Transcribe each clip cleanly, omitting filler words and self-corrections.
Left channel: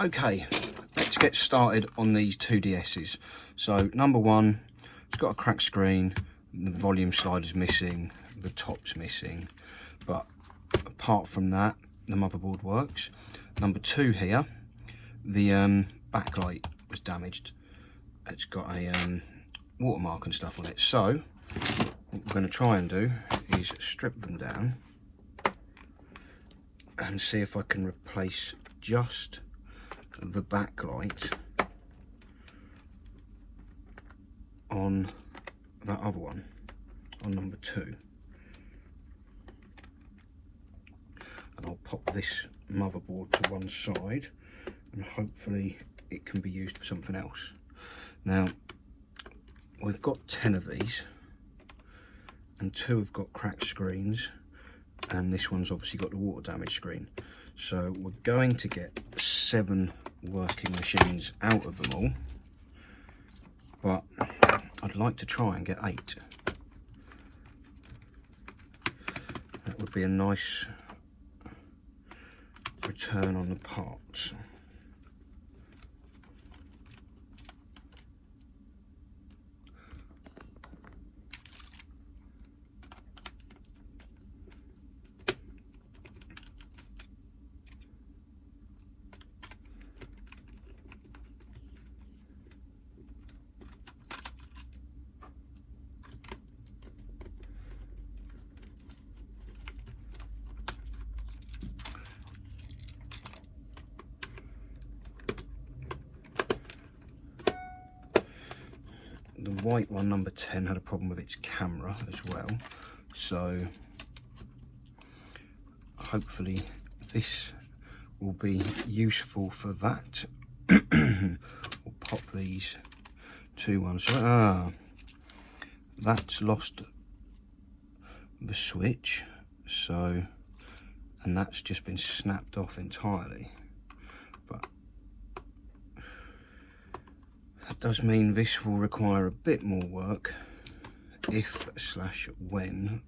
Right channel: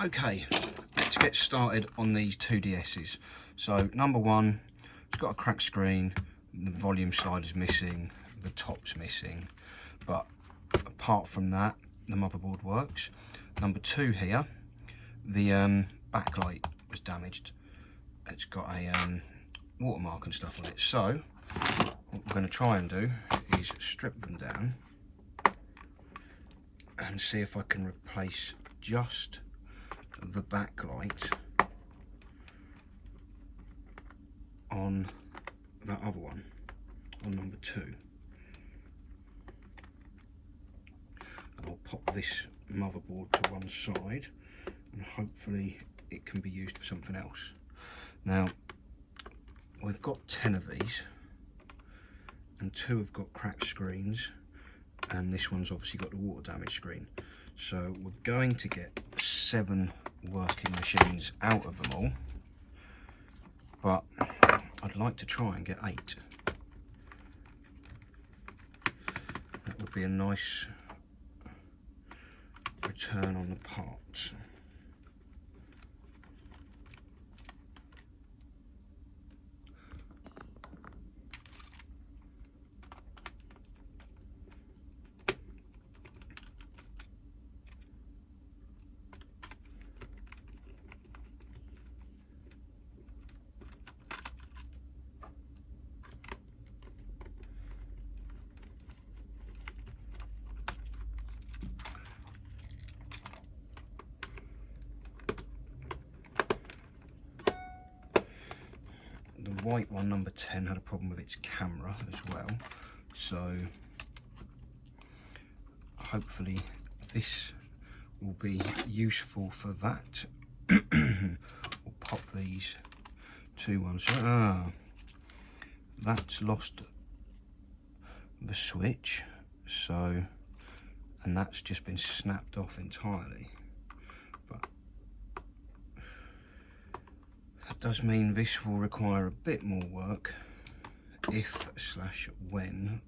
Okay, let's get started on these two DSs. So number one, it's got a cracked screen, the volume slider's missing, the top's missing, but apart from that, the motherboard works. Number two here, the backlight was damaged. It's got a watermark and stuff on it. So what we're going to try and do is strip them down and see if I can replace just the backlight on that other one, on number two. And I'll pop this motherboard to one side and hopefully it can be used for something else. Now, we've got 10 of these and 2 have got cracked screens, and this one's obviously got the water damage screen. So we're going to get 7 working machines out of them all, but I'd like to try and get 8. That would be a nice return on the parts. The white one, number 10, had a problem with its camera as well, so hopefully this will be useful for that. We'll pop these to one side. That's lost the switch, so, and that's just been snapped off entirely. But that does mean this will require a bit more work if/when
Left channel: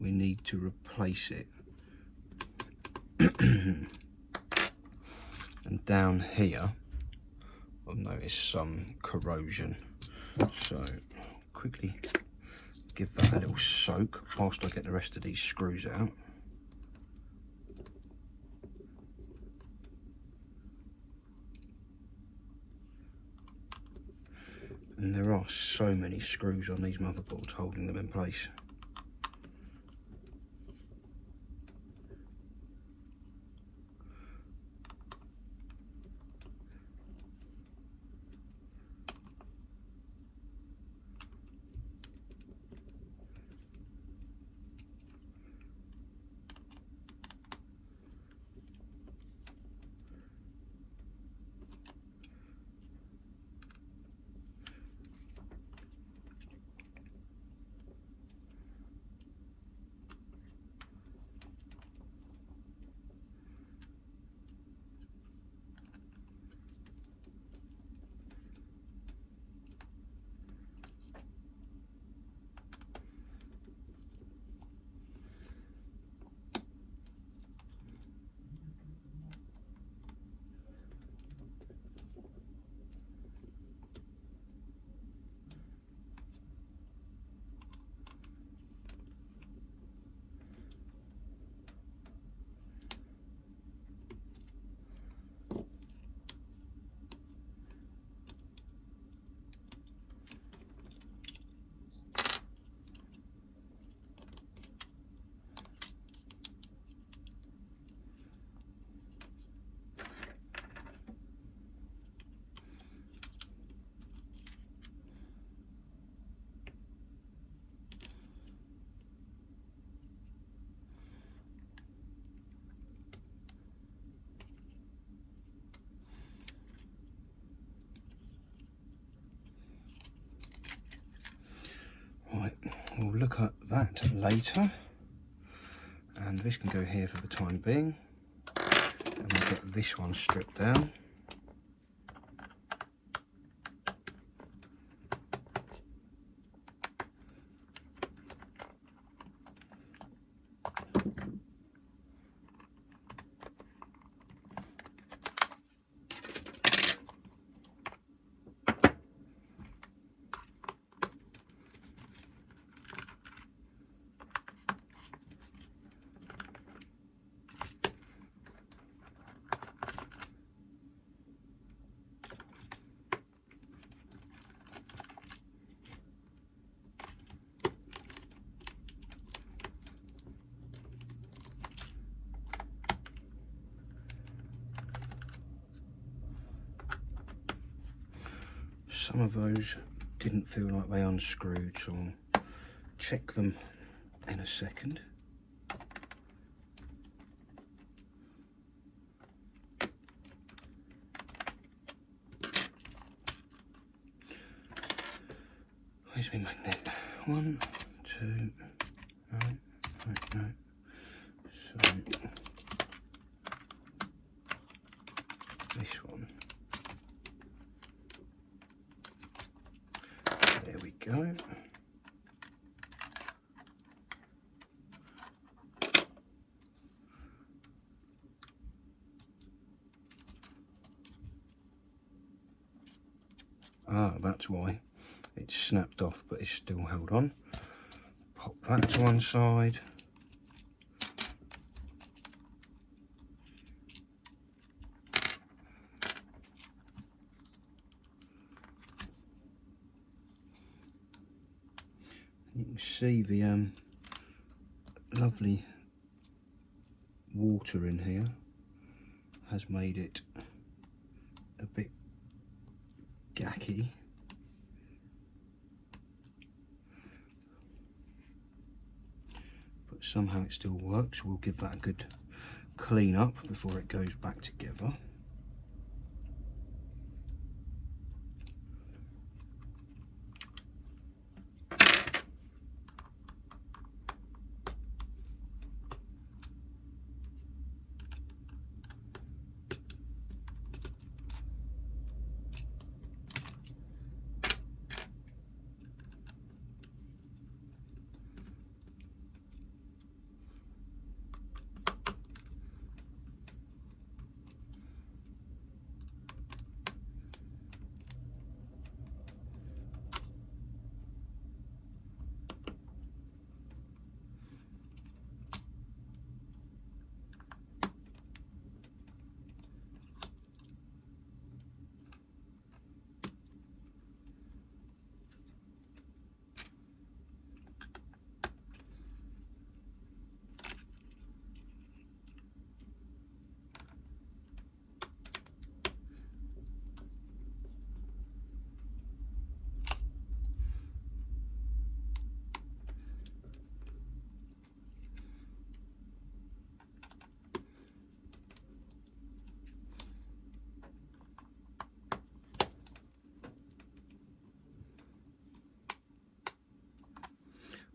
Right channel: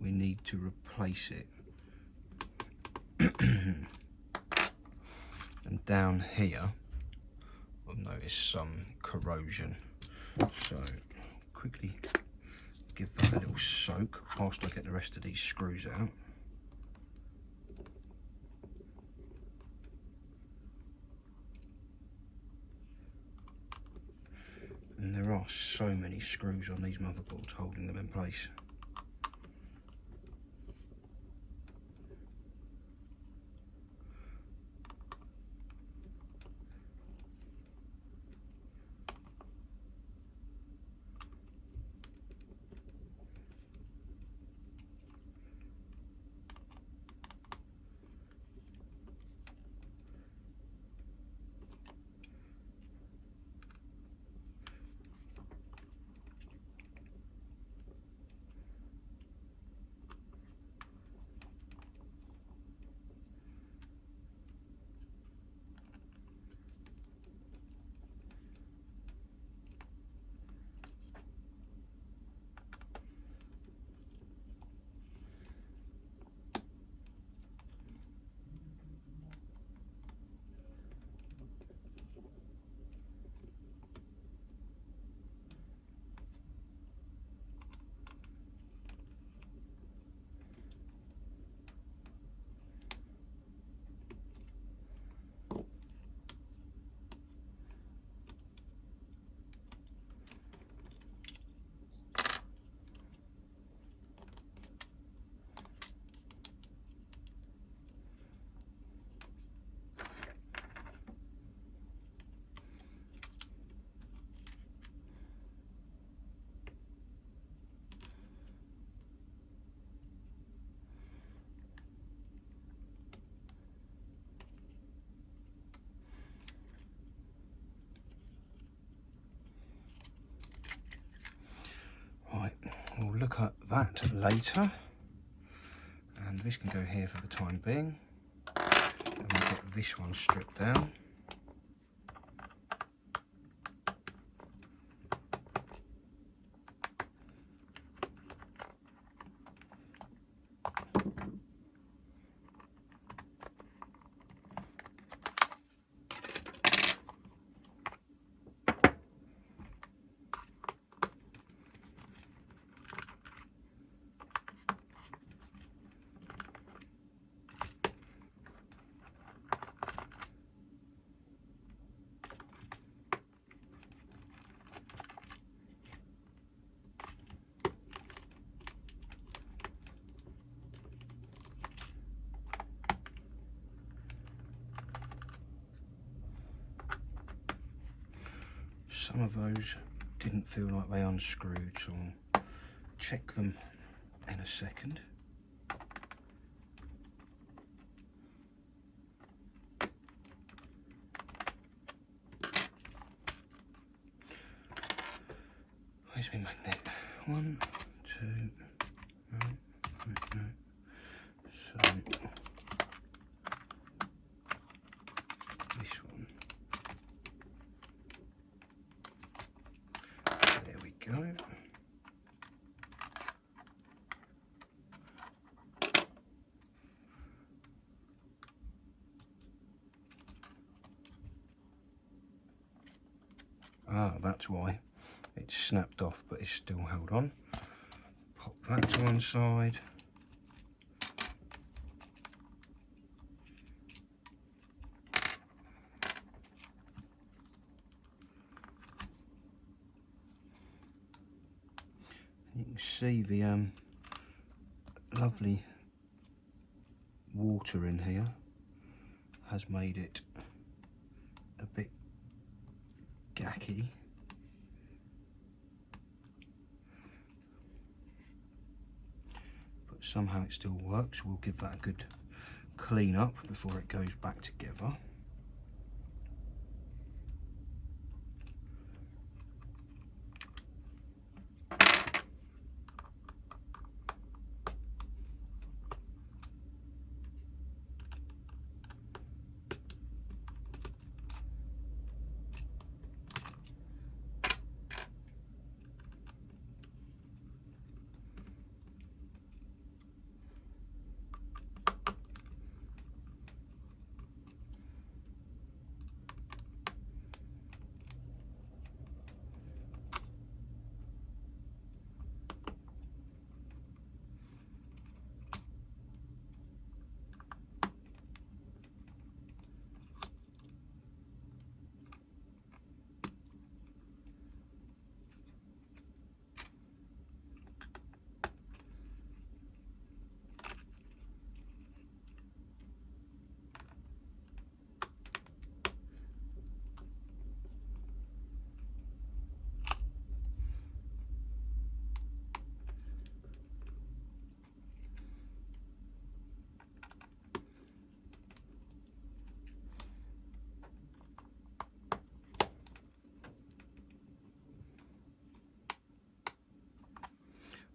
we need to replace it. And down here I'll notice some corrosion, so quickly give that a little soak whilst I get the rest of these screws out. And there are so many screws on these motherboards holding them in place. Right, we'll look at that later, and this can go here for the time being, and we'll get this one stripped down. some of those didn't feel like they unscrewed, so I'll check them in a second. Where's my magnet? 1, 2, no. So this one. There we go. Ah, that's why it's snapped off, but it's still held on. Pop that to one side. You can see the lovely water in here has made it a bit gacky. But somehow it still works. We'll give that a good clean up before it goes back together.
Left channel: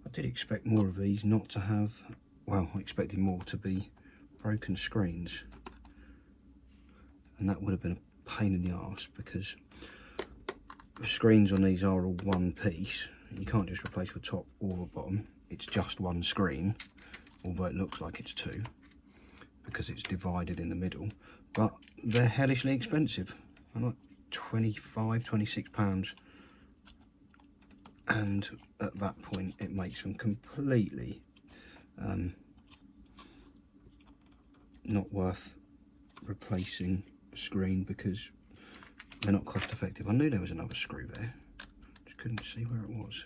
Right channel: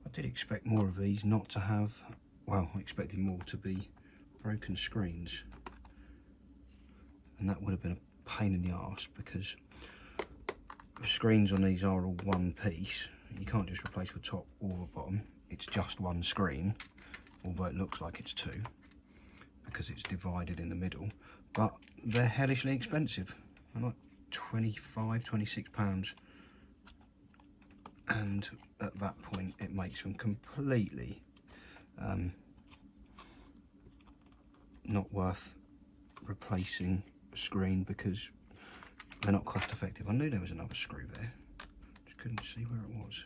I did expect more of these not to have, well, I expected more to be broken screens, and that would have been a pain in the arse because the screens on these are all one piece. You can't just replace the top or the bottom, it's just one screen, although it looks like it's two because it's divided in the middle. But they're hellishly expensive. They're like £25–26, and at that point it makes them completely not worth replacing a screen because they're not cost effective. I knew there was another screw there, just couldn't see where it was.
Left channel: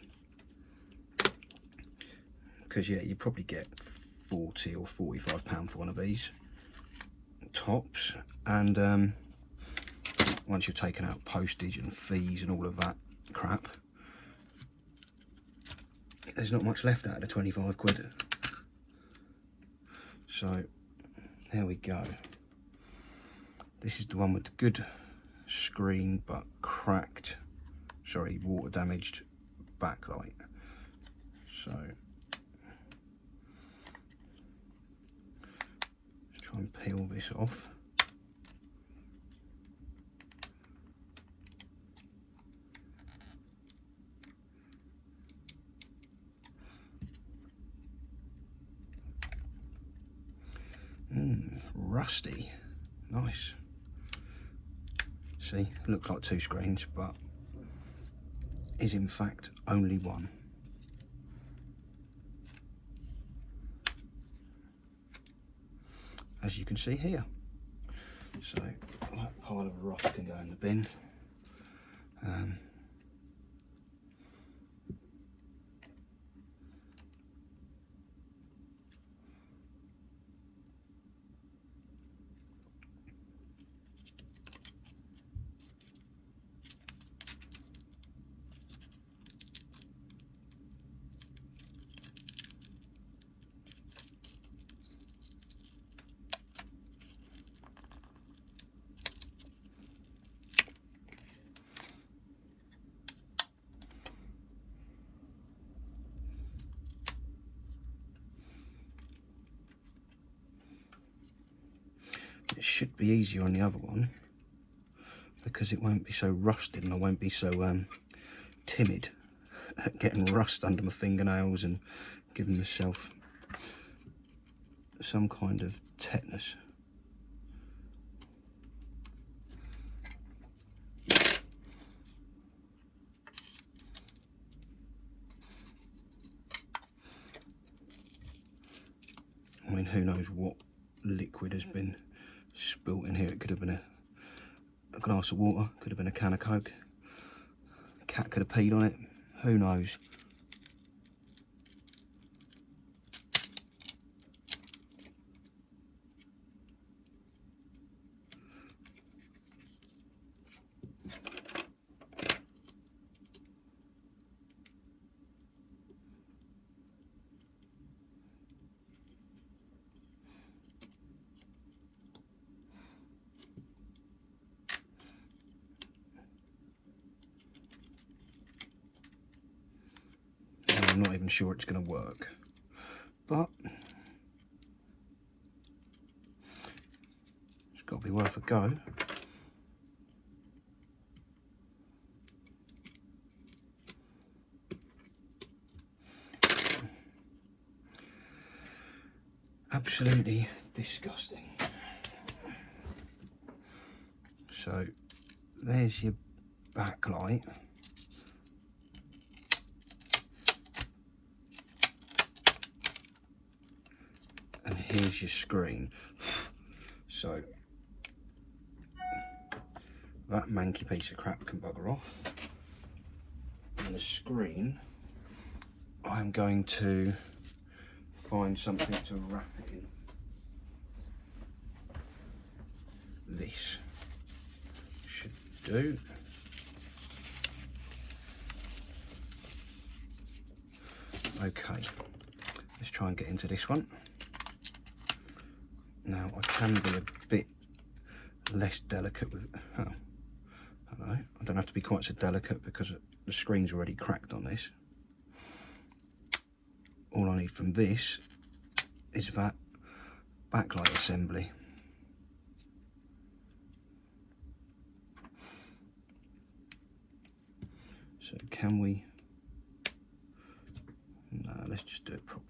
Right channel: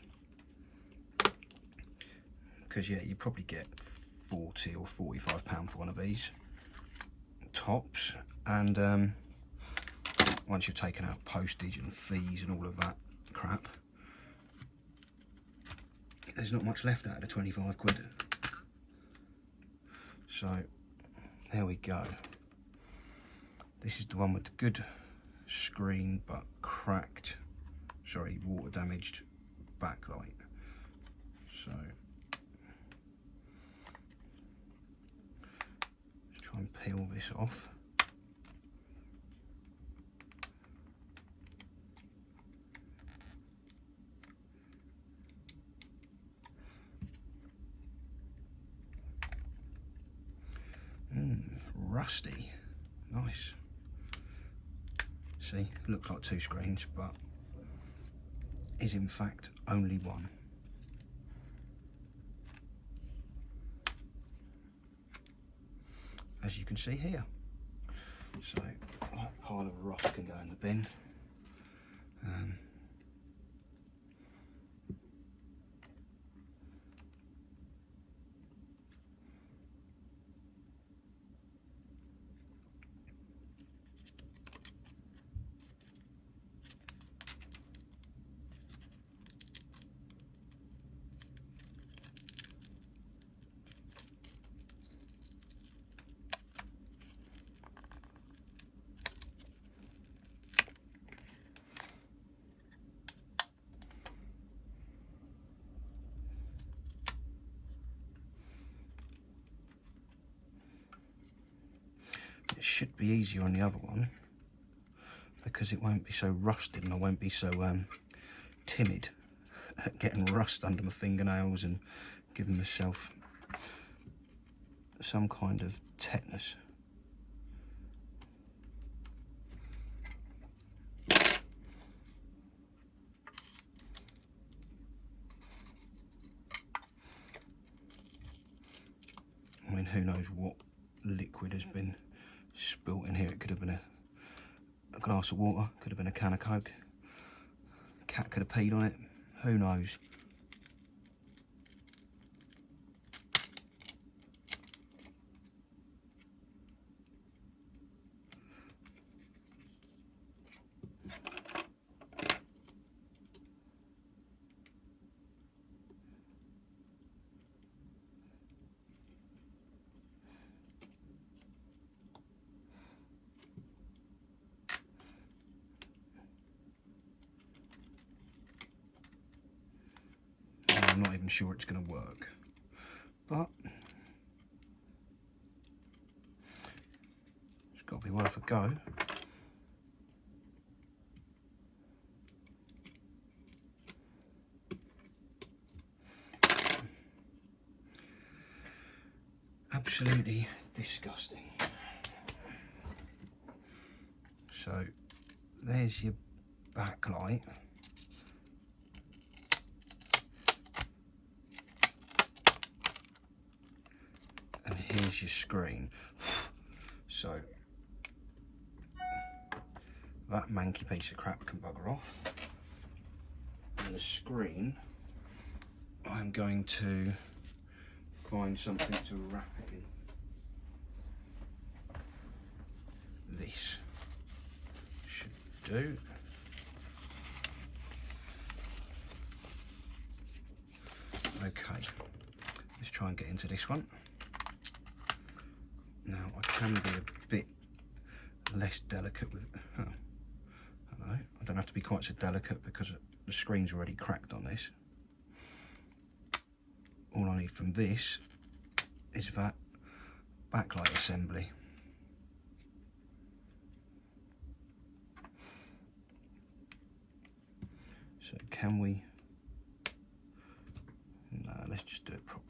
Because yeah, you probably get £40 or £45 for one of these tops, and once you've taken out postage and fees and all of that crap, there's not much left out of the 25 quid. So there we go. This is the one with the good screen but cracked, sorry, water damaged backlight. So let's try and peel this off. Rusty, nice. See, looks like two screens, but is in fact only one. As you can see here. So that pile of rust can go in the bin. be easier on the other one because it won't be so rusted and I won't be so timid at getting rust under my fingernails and giving myself some kind of tetanus. I mean, who knows what liquid has been spilt in here. It could have been a glass of water, could have been a can of Coke, a cat could have peed on it, who knows. I'm not even sure it's going to work, but it's got to be worth a go. Absolutely disgusting. So there's your backlight. And here's your screen. So that manky piece of crap can bugger off. And the screen, I'm going to find something to wrap it in. This should do. Okay, let's try and get into this one. Now I can be a bit less delicate with, oh, hello. I don't have to be quite so delicate because the screen's already cracked on this. All I need from this is that backlight assembly. So can we, no, let's just do it properly.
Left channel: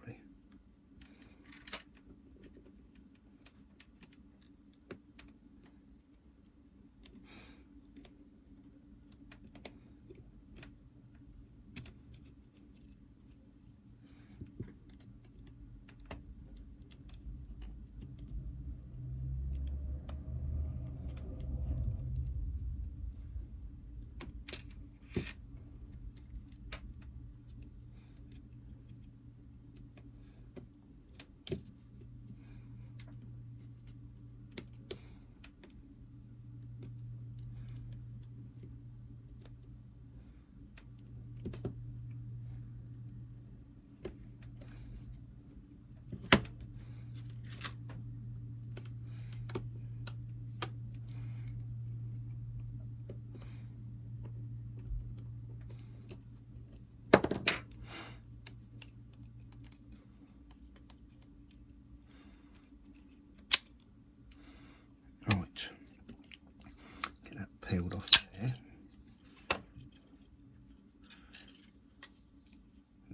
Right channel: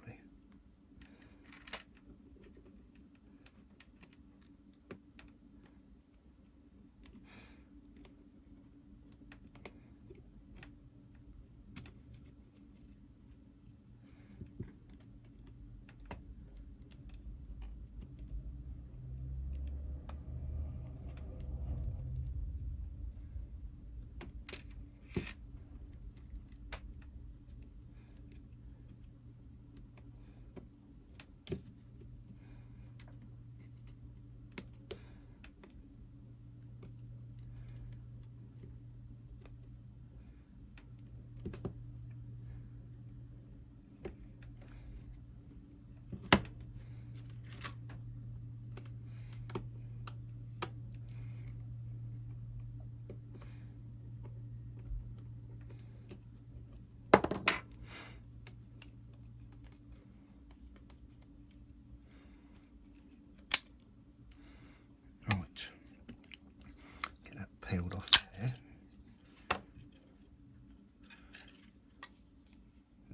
Peeled off there,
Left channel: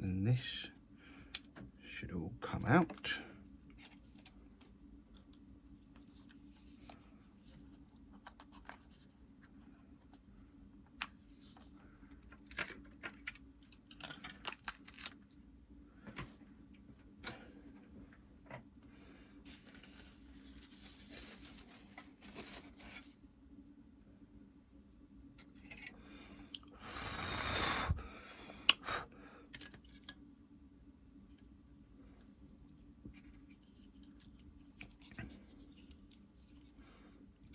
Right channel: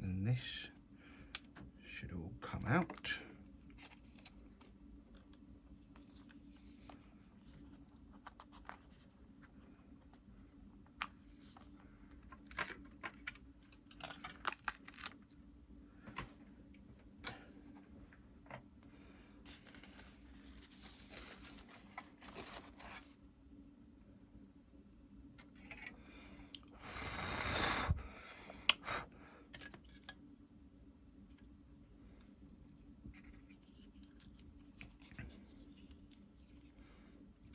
and this should all come out.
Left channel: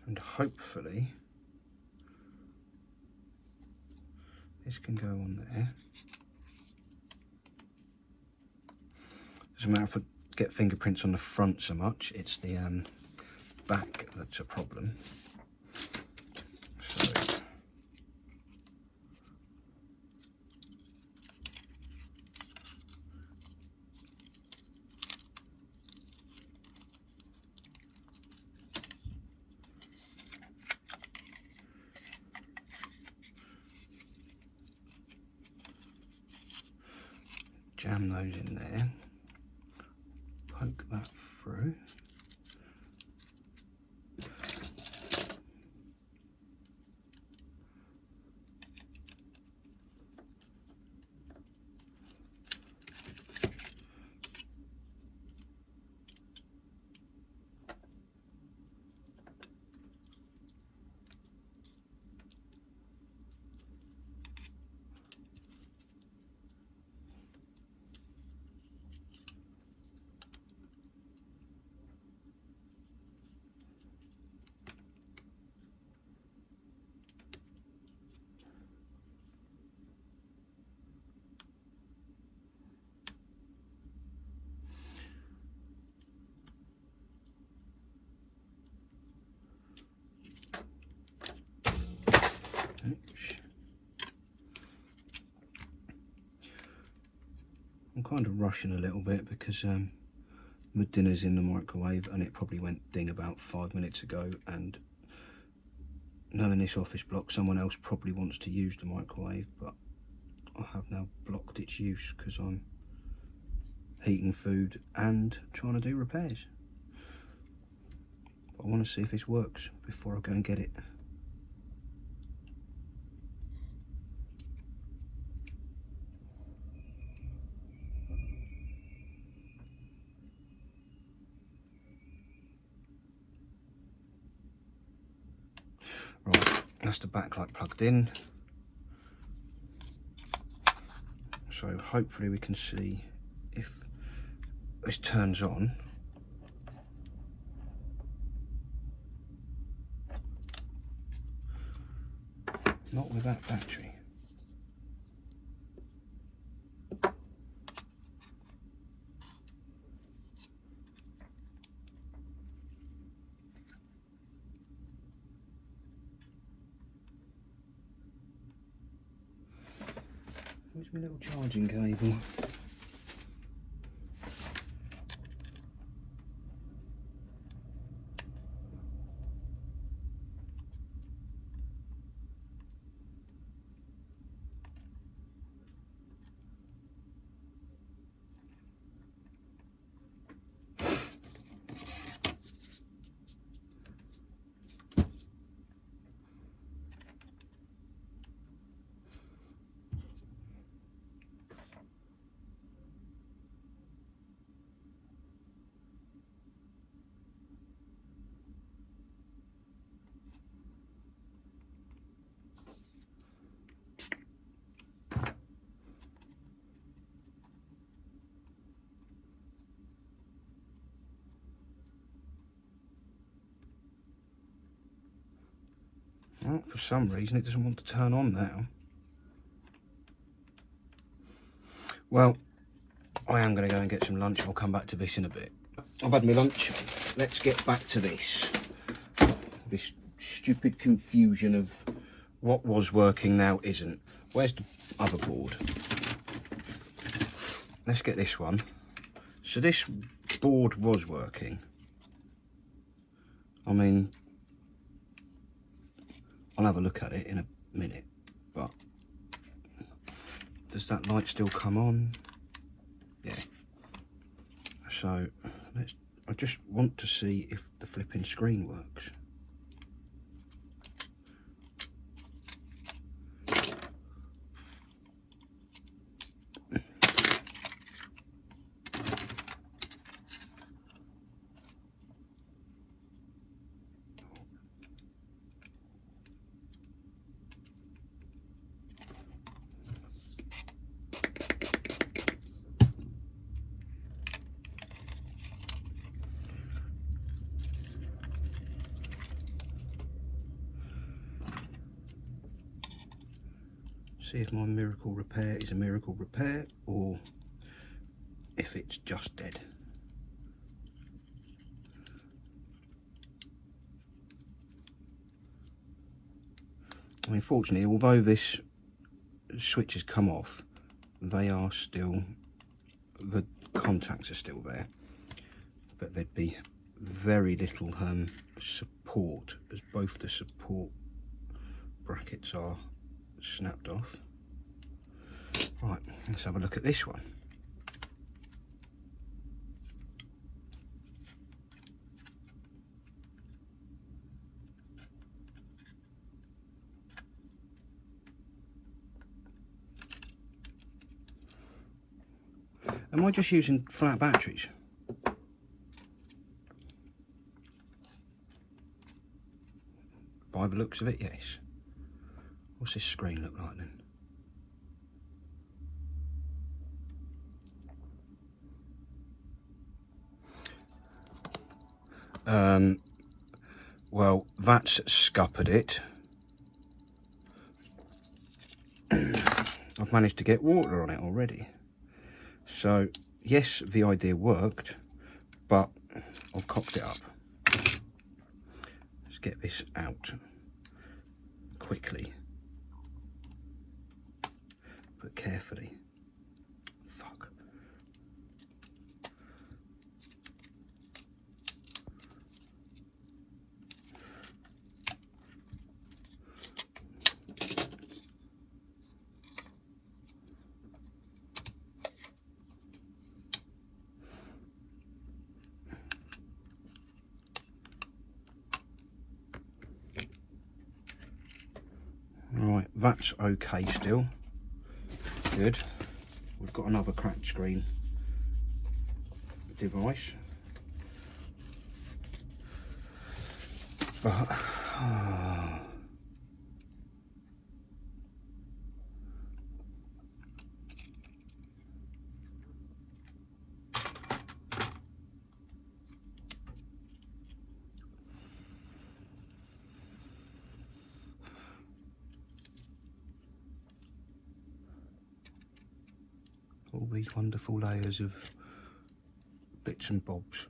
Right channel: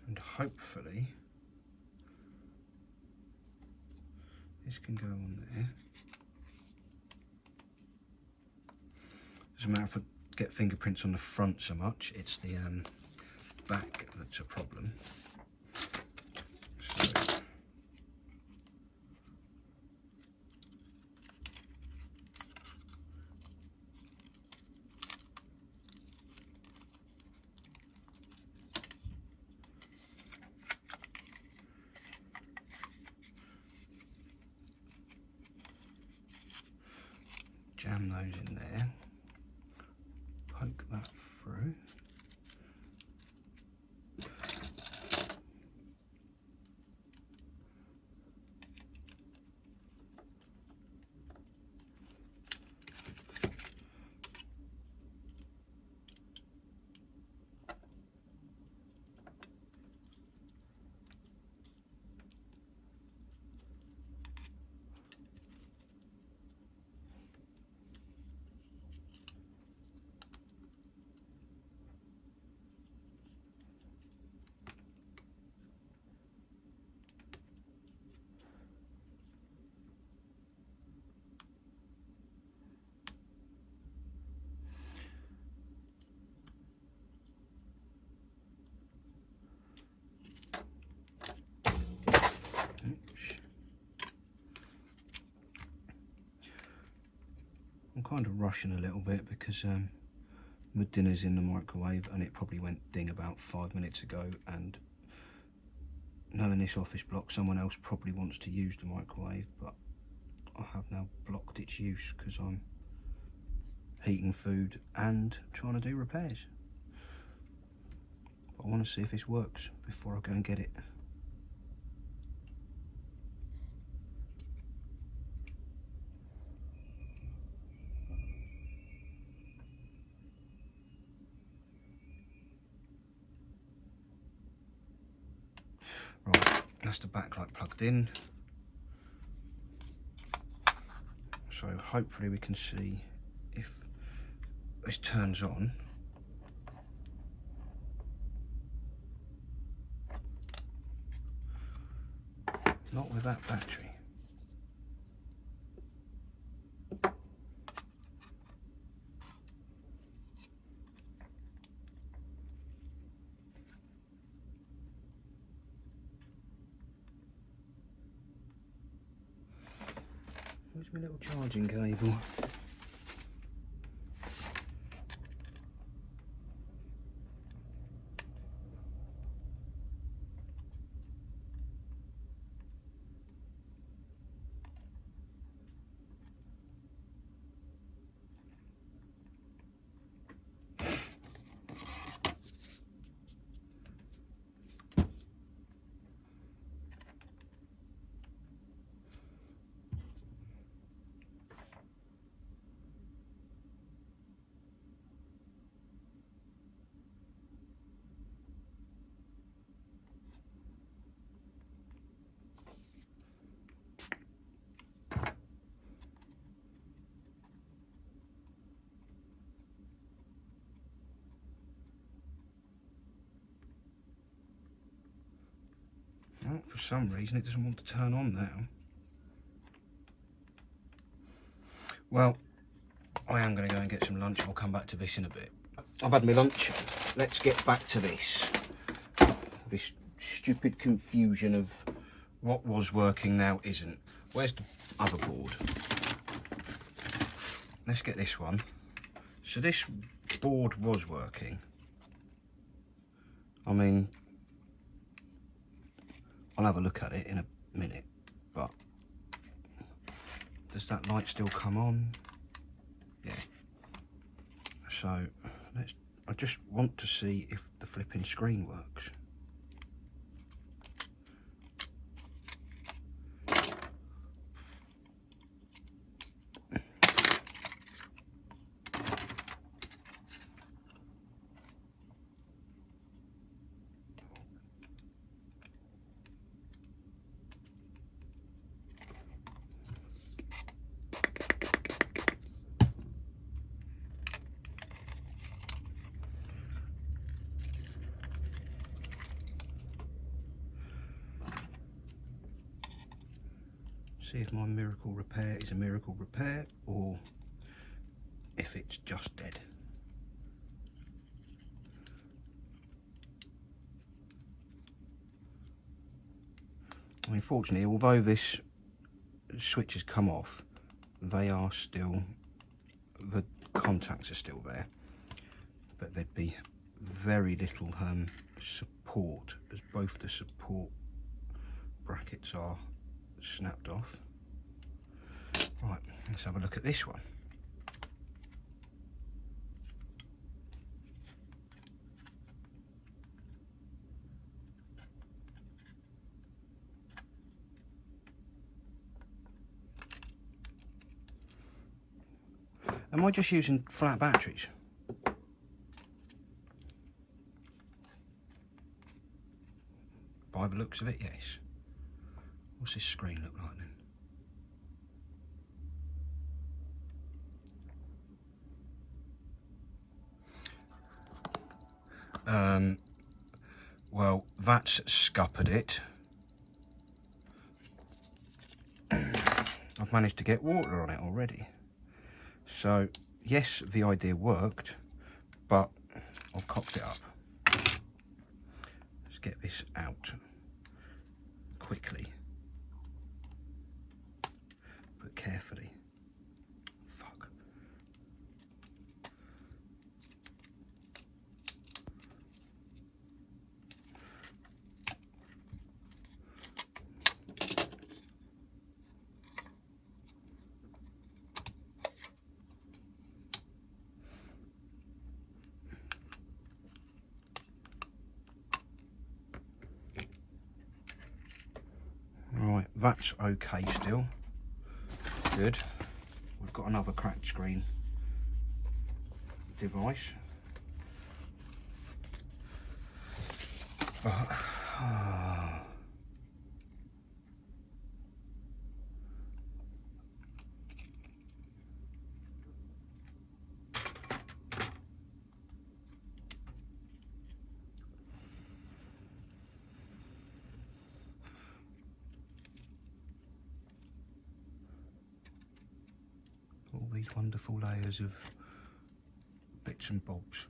And hopefully this can go on there. Doesn't matter if I get fingerprints on the front so much, it's the back that's a problem. So jam those in there, poke that through. I'm kind of rushing a little bit because my dinner's in the microwave and it probably went ding about 5 minutes ago, and knowing this office block, someone else probably wants to use the microwave, but I have now blocked its use because I'm heating food and trying to do repairs. But I want to see if this works before I go and get it. Right, that's the backlight plugged in. So hopefully we can see if this turns on. Not with that battery. Where's my little charging cable? Well, for some reason it doesn't want to turn on now. Well, I am going to go and get some lunch. I'll come back to this in a bit. I've had my lunch. Let's get back to this. This stupid confusion of what was working now isn't. Where's the other board? Let's get this one. So this board was working. I mean, I'll have a look at it in a minute, but does that light still come on? Yeah. So I just want to see if the flipping screen works. See if my miracle repair is a miracle repair or if it's just dead. I mean, fortunately, although this switch has come off, they are still, the contacts are still there, but there'd be very little support, as both the support brackets are snapped off. Right, let's have a look at this one. Am I just using flat batteries? By the looks of it, yes. What's this screen look like then? Well, that's scuppered it. I've managed to get water on it already. So, yes, the idea worked, but I've cocked it up. Let's get this out quickly, but carefully. Fuck. Right, that's okay still. Good. We've got another cracked screen device. But all these wonderful layers of bits and bobs.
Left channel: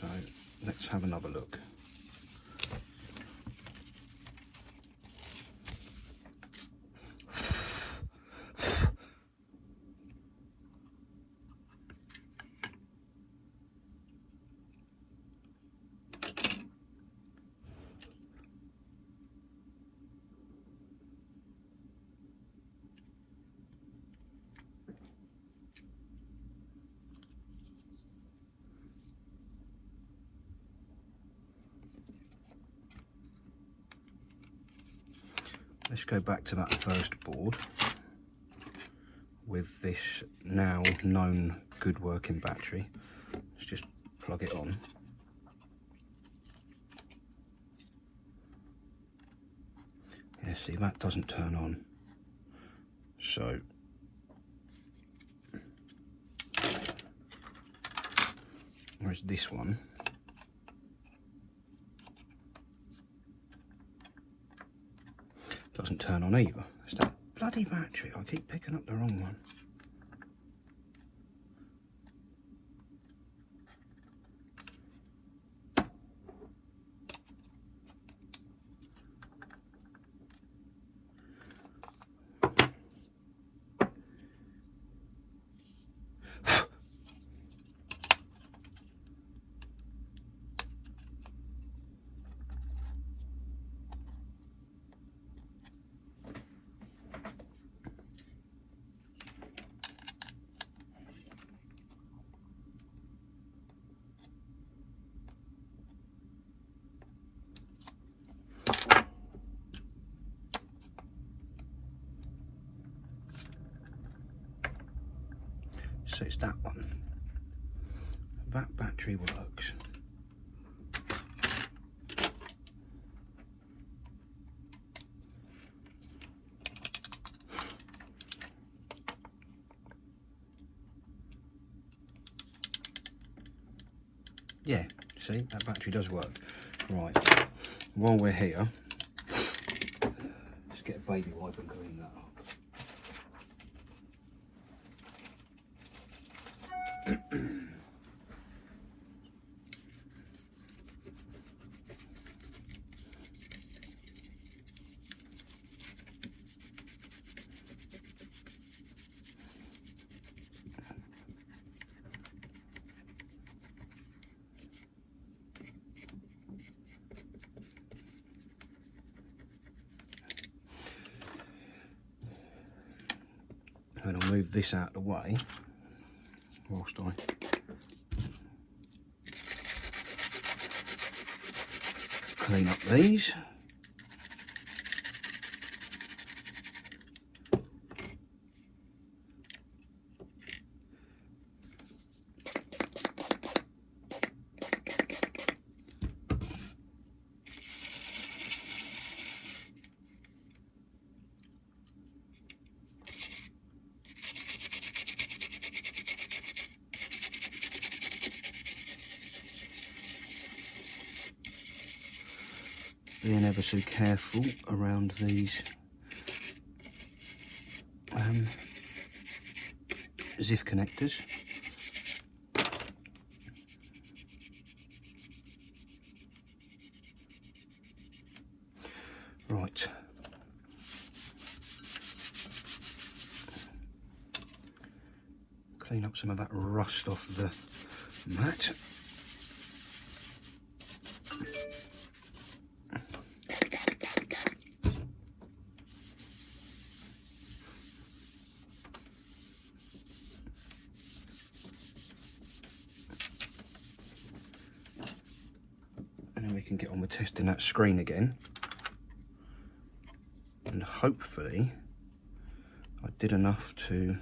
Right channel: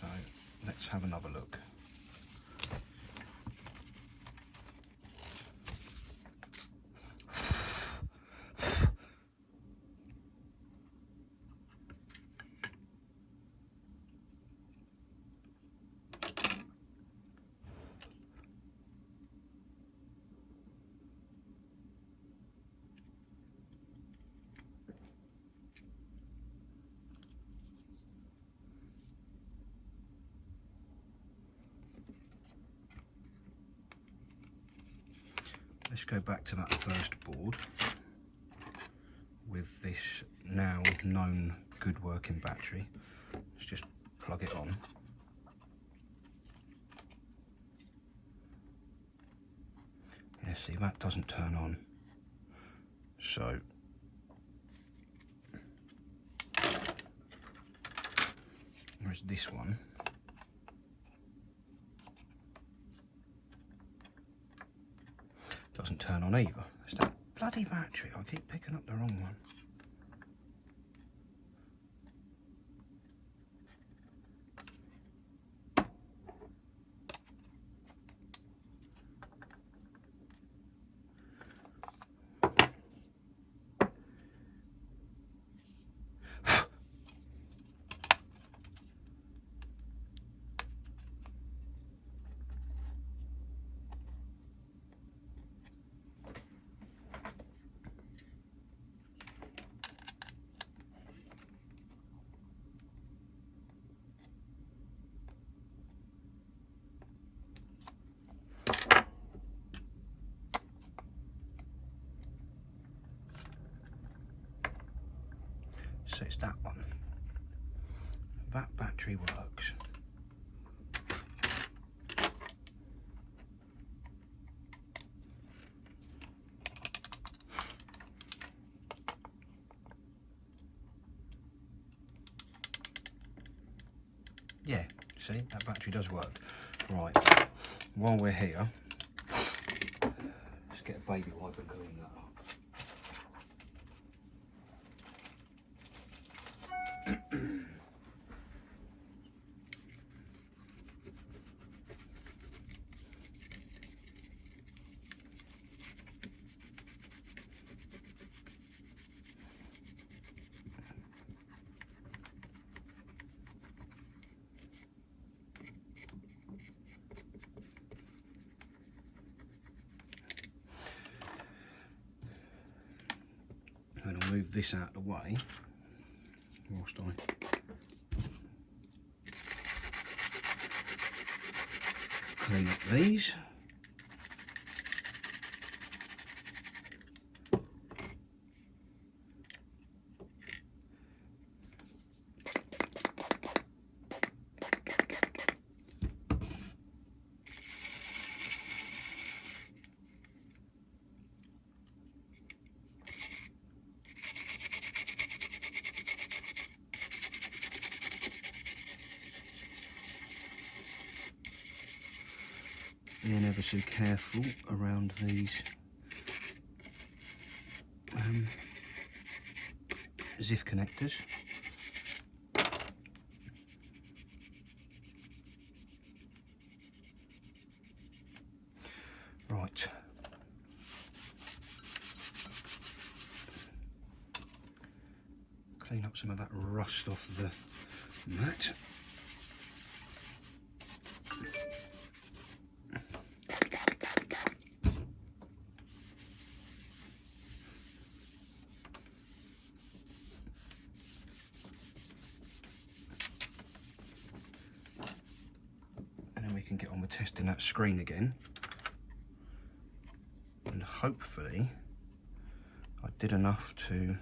So let's have another look. Let's go back to that first board with this now known good working battery. Let's just plug it on. Yeah, see, that doesn't turn on. So whereas this one doesn't turn on either. It's that bloody battery. I keep picking up the wrong one. So it's that one. That battery works. Yeah, see, that battery does work. Right, while we're here, let's get a baby wipe and clean that up. then I'll move this out of the way whilst I clean up these. Being ever so careful around these ZIF connectors. Right. Clean up some of that rust off the mat. We can get on with testing that screen again, and hopefully I did enough to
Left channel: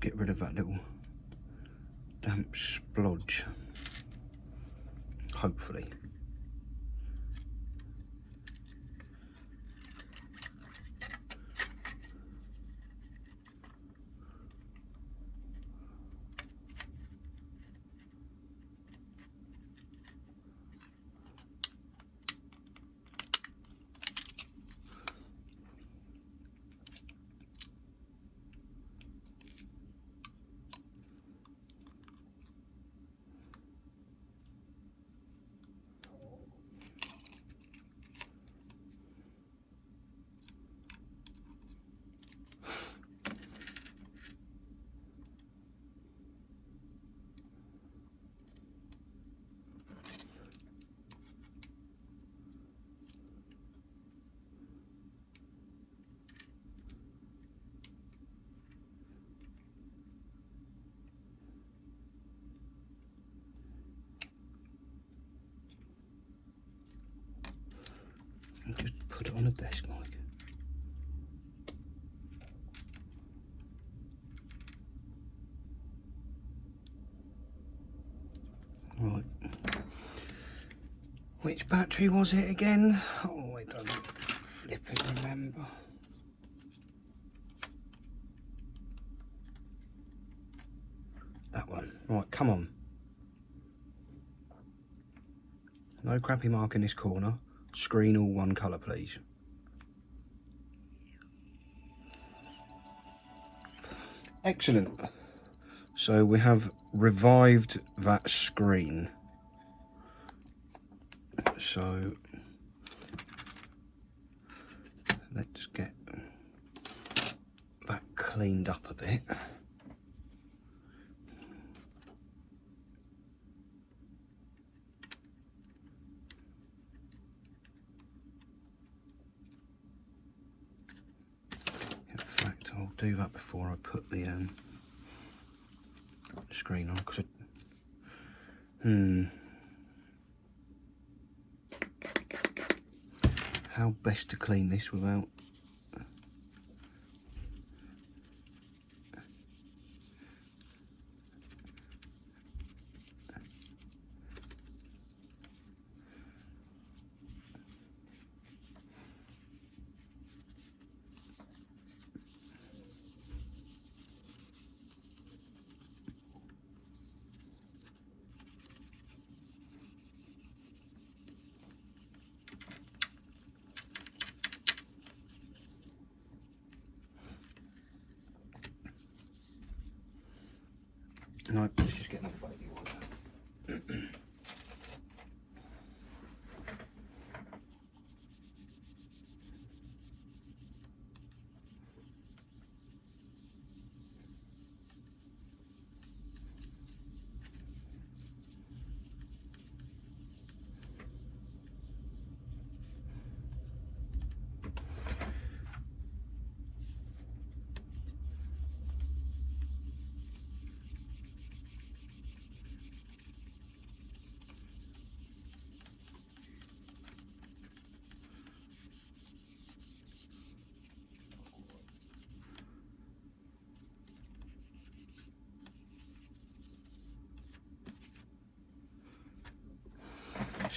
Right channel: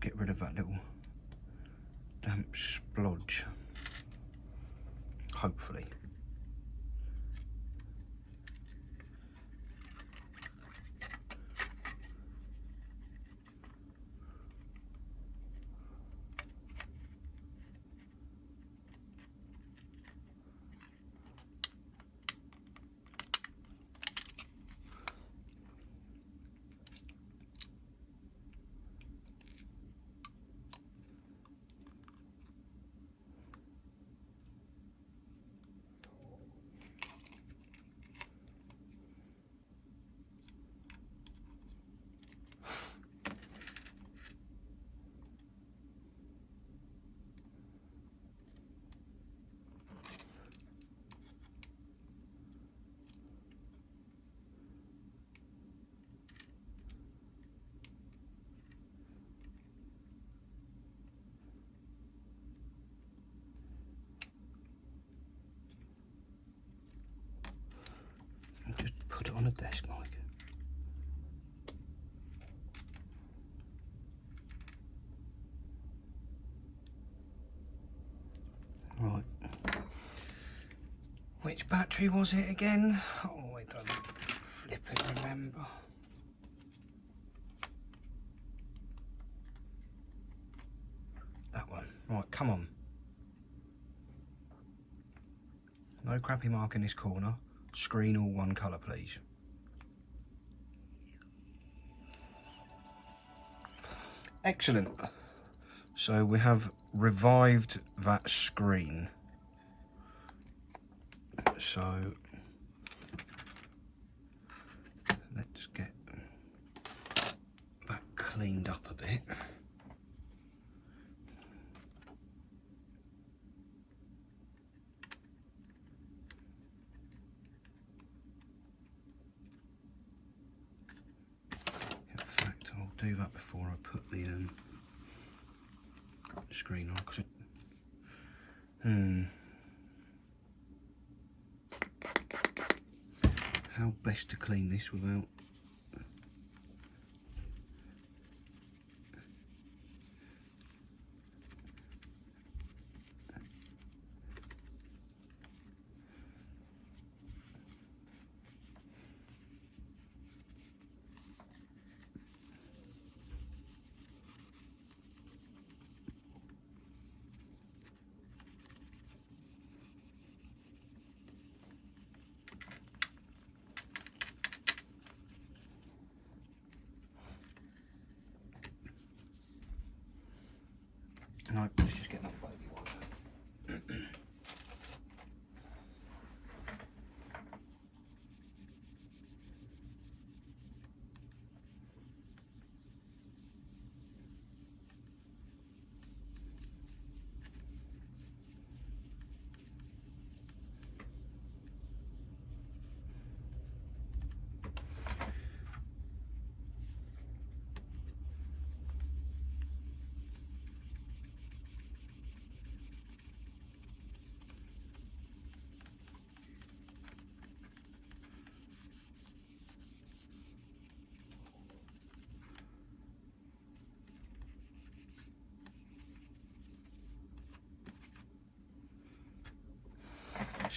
get rid of that little damp splodge, hopefully. Just put it on the desk, Mike. Right. Which battery was it again? Oh, I don't flipping remember. That one. Right, come on. No crappy mark in this corner. Screen all one colour, please. Excellent. So we have revived that screen. So let's get that cleaned up a bit. I'll do that before I put the screen on, because how best to clean this without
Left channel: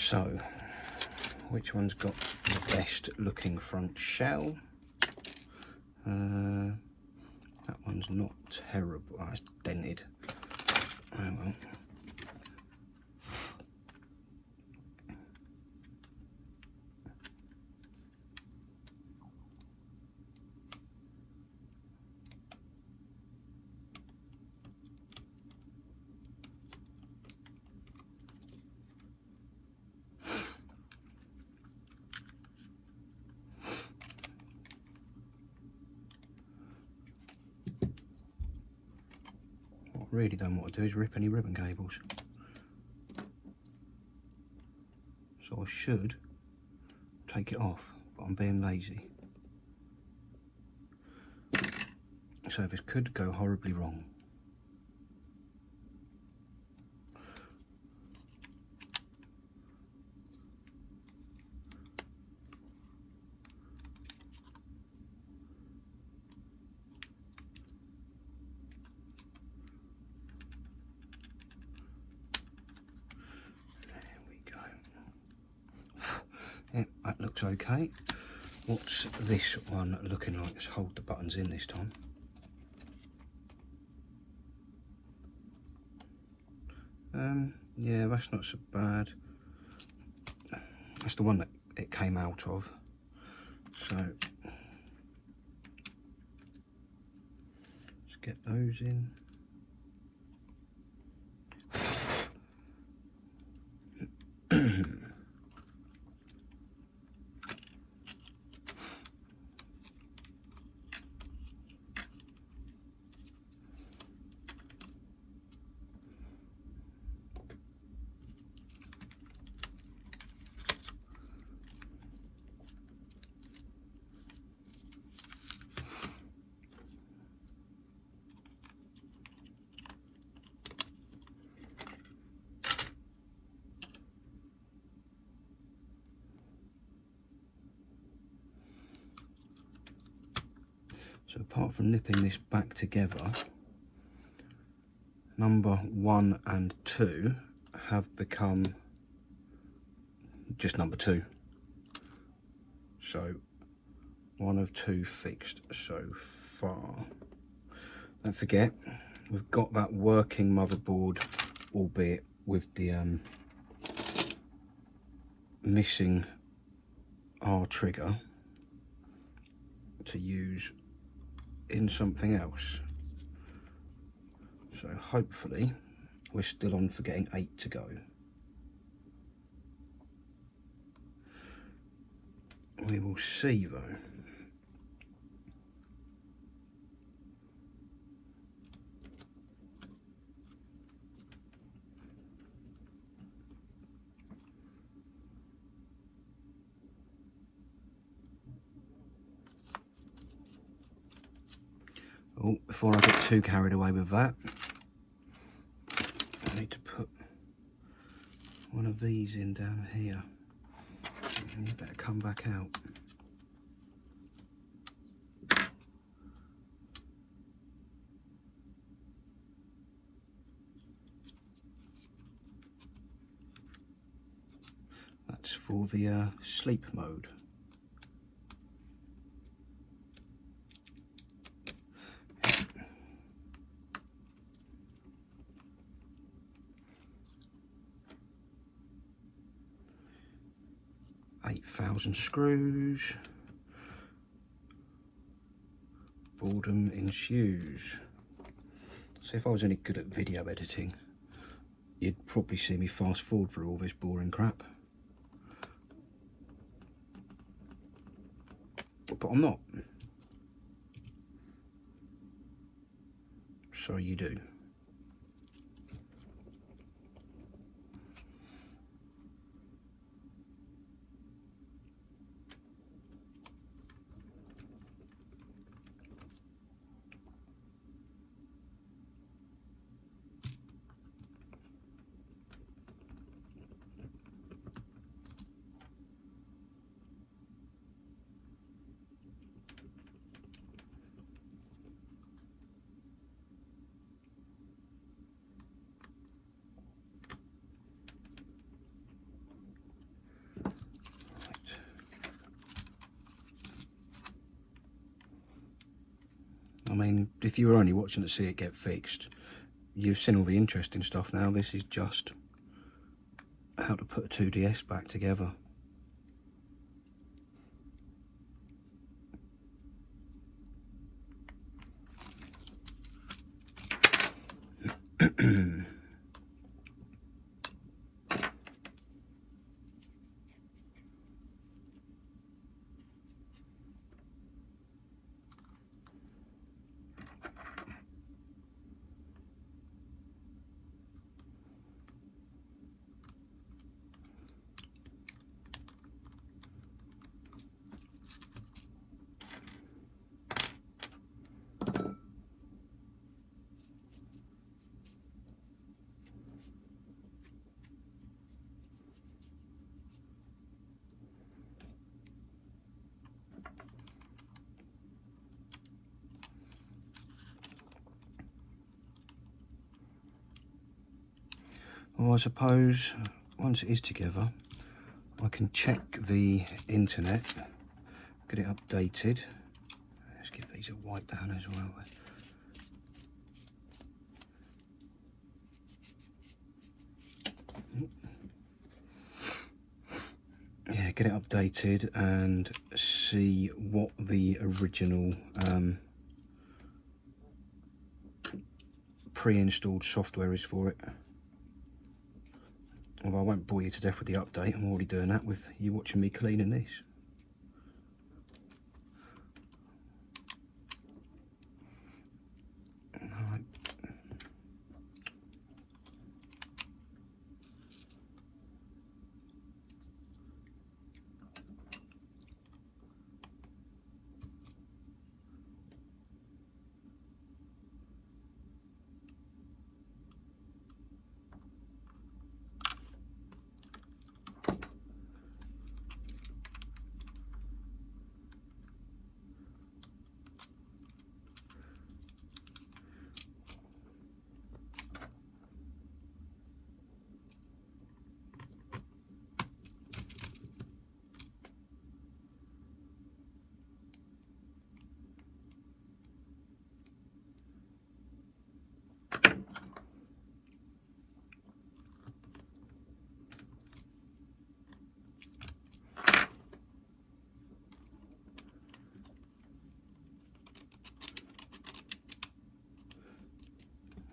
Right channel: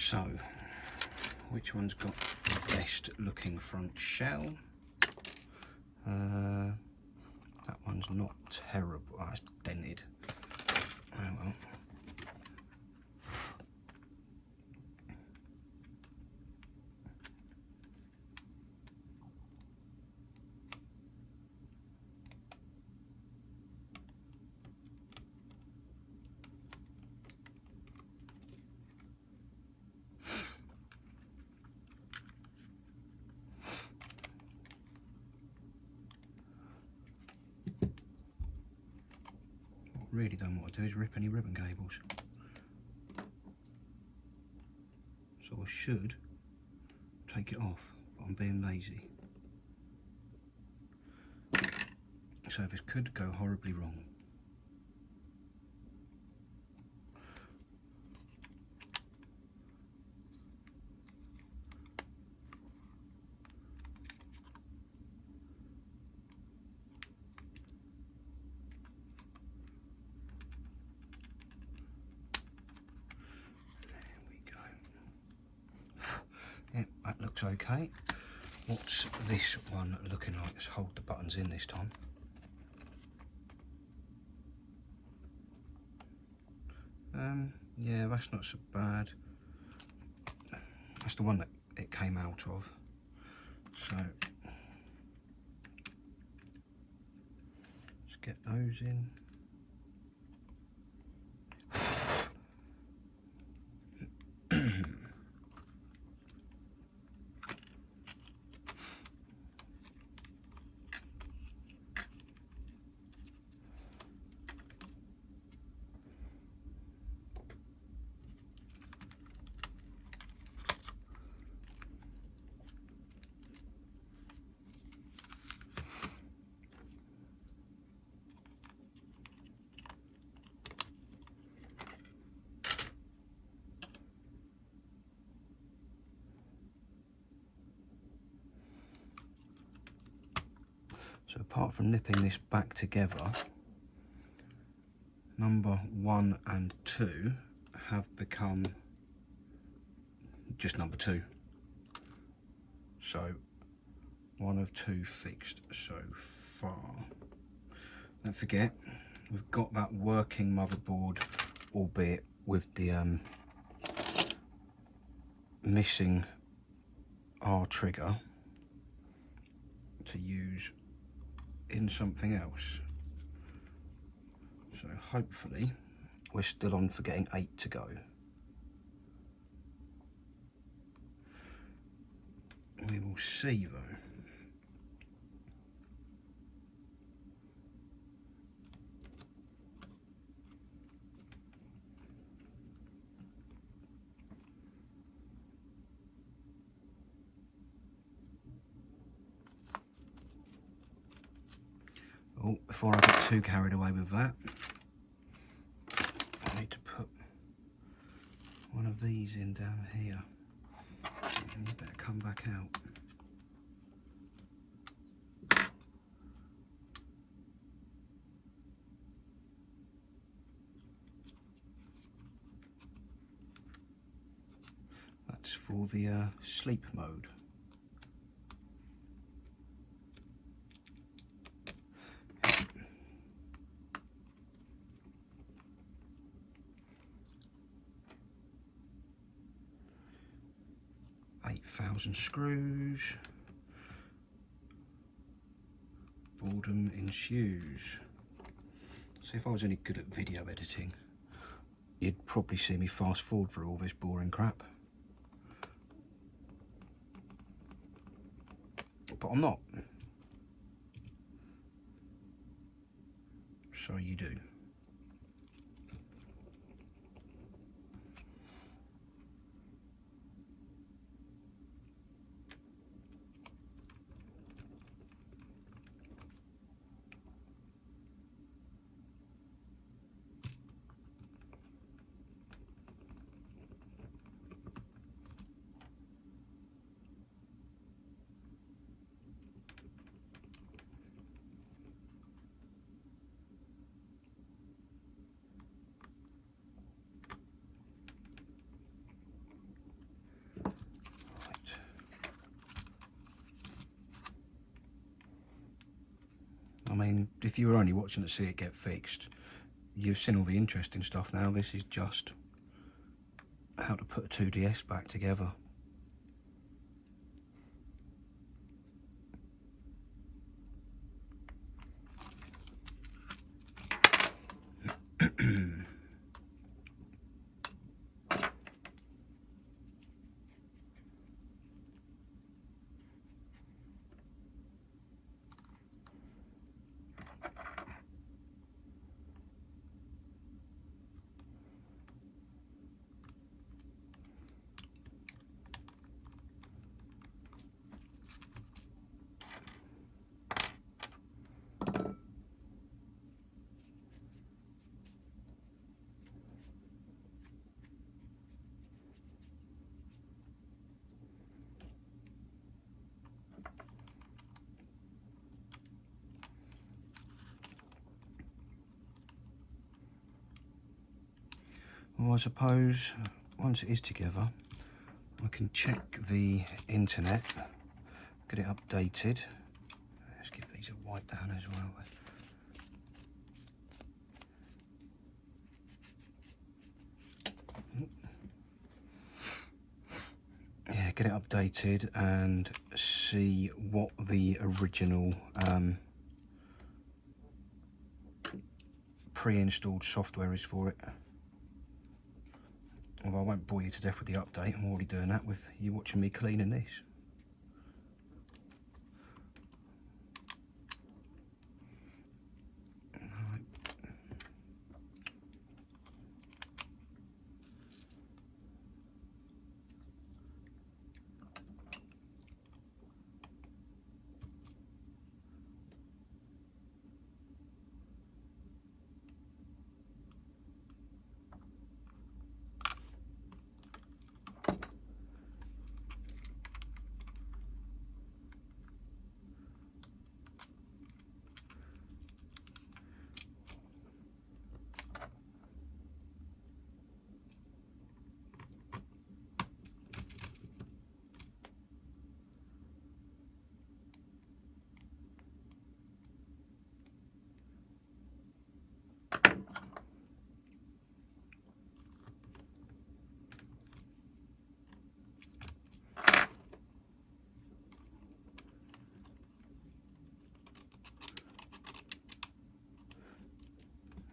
So, which one's got the best looking front shell? That one's not terrible. Oh, it's dented. Oh well. Really don't want to do is rip any ribbon cables, so I should take it off, but I'm being lazy, so this could go horribly wrong. Yeah, that looks okay. What's this one looking like? Let's hold the buttons in this time. Yeah, that's not so bad. That's the one that it came out of. So let's get those in. So apart from nipping this back together, number 1 and 2 have become just number 2. So 1 of 2 fixed so far. Don't forget, we've got that working motherboard, albeit with the missing R trigger to use in something else. So hopefully we're still on for getting 8 to go. We will see though. Oh, before I get too carried away with that, I need to put one of these in down here. And you better come back out. That's for the sleep mode. $8,000 screws. Boredom ensues. So if I was any good at video editing, you'd probably see me fast forward through all this boring crap. But I'm not. So you do. mean, if you were only watching to see it get fixed, you've seen all the interesting stuff now. This is just how to put a 2DS back together. Well, I suppose once it is together, I can check the internet, get it updated. Let's give these a wipe down as well. Yeah, get it updated and see what the original pre-installed software is for it. Although I won't bore you to death with the update, I'm already doing that with you watching me cleaning this. Right.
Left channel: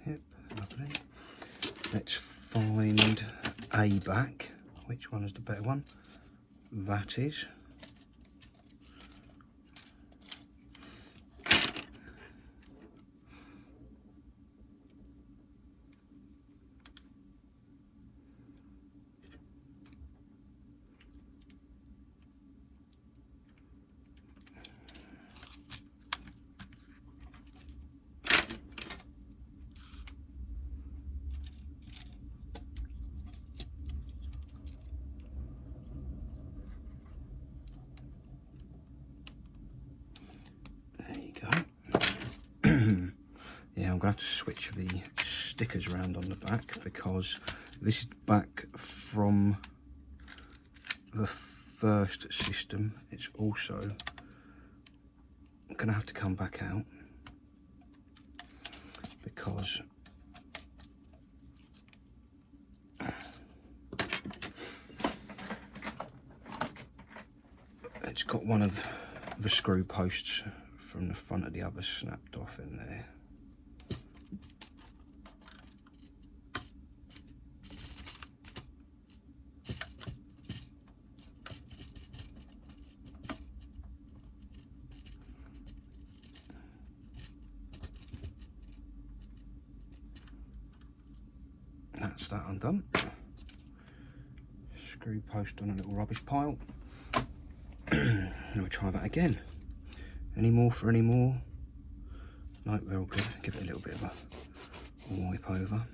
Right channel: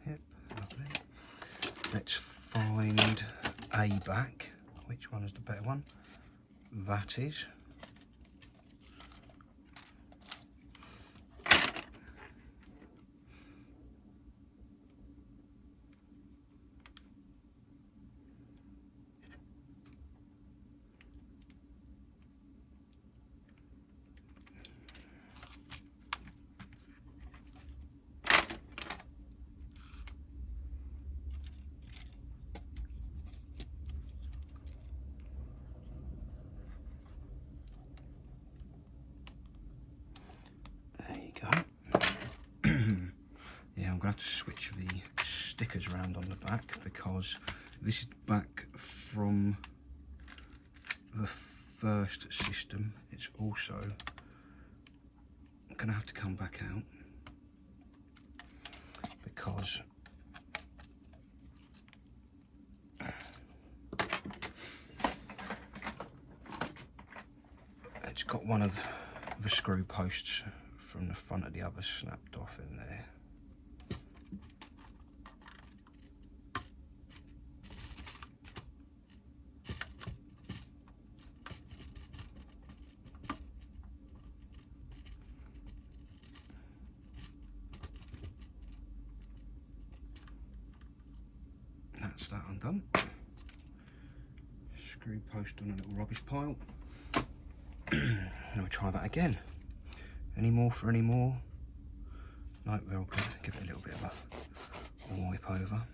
Yep, lovely. Let's find A back. Which one is the better one? That is. Yeah, I'm going to have to switch the stickers around on the back because this is back from the first system. It's also going to have to come back out because it's got one of the screw posts from the front of the other snapped off in there. That's that undone. Screw post on a little rubbish pile. Now we try that again. Any more for any more? No, they're all good. Give it a little bit of a wipe over.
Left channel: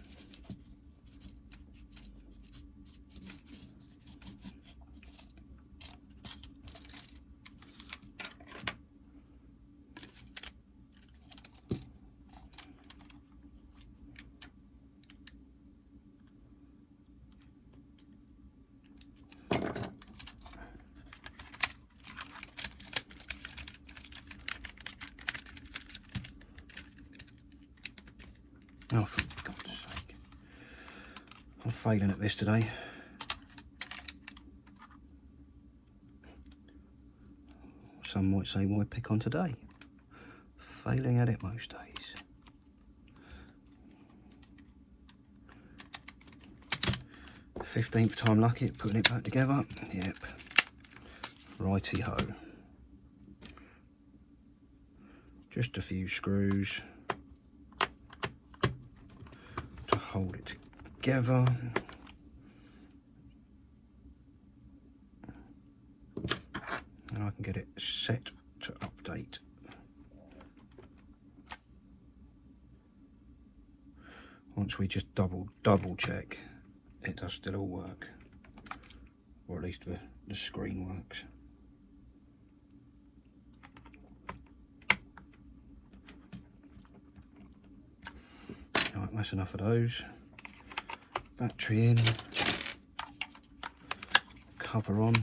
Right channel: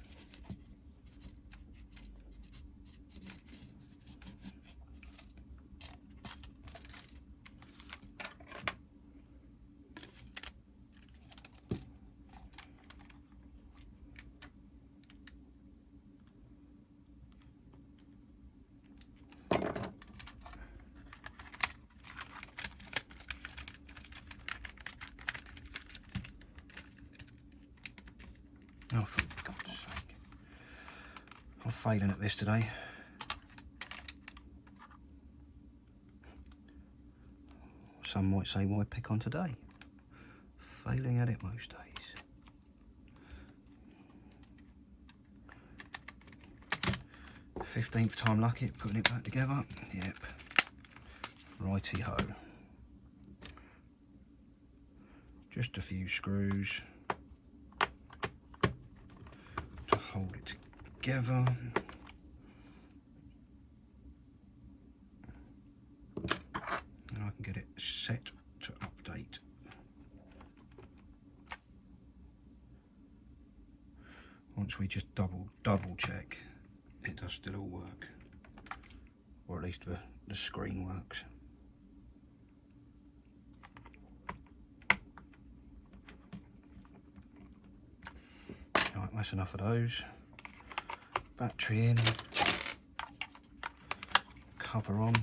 Oh, for God's sake. I'm failing at this today. Some might say, why pick on today? Failing at it most days. "15th time lucky at putting it back together." Yep. Righty-ho. Just a few screws to hold it together. And I can get it set to update. Once we just double check it does still all work, or at least the screen works. Right, that's enough of those. Battery in, cover on.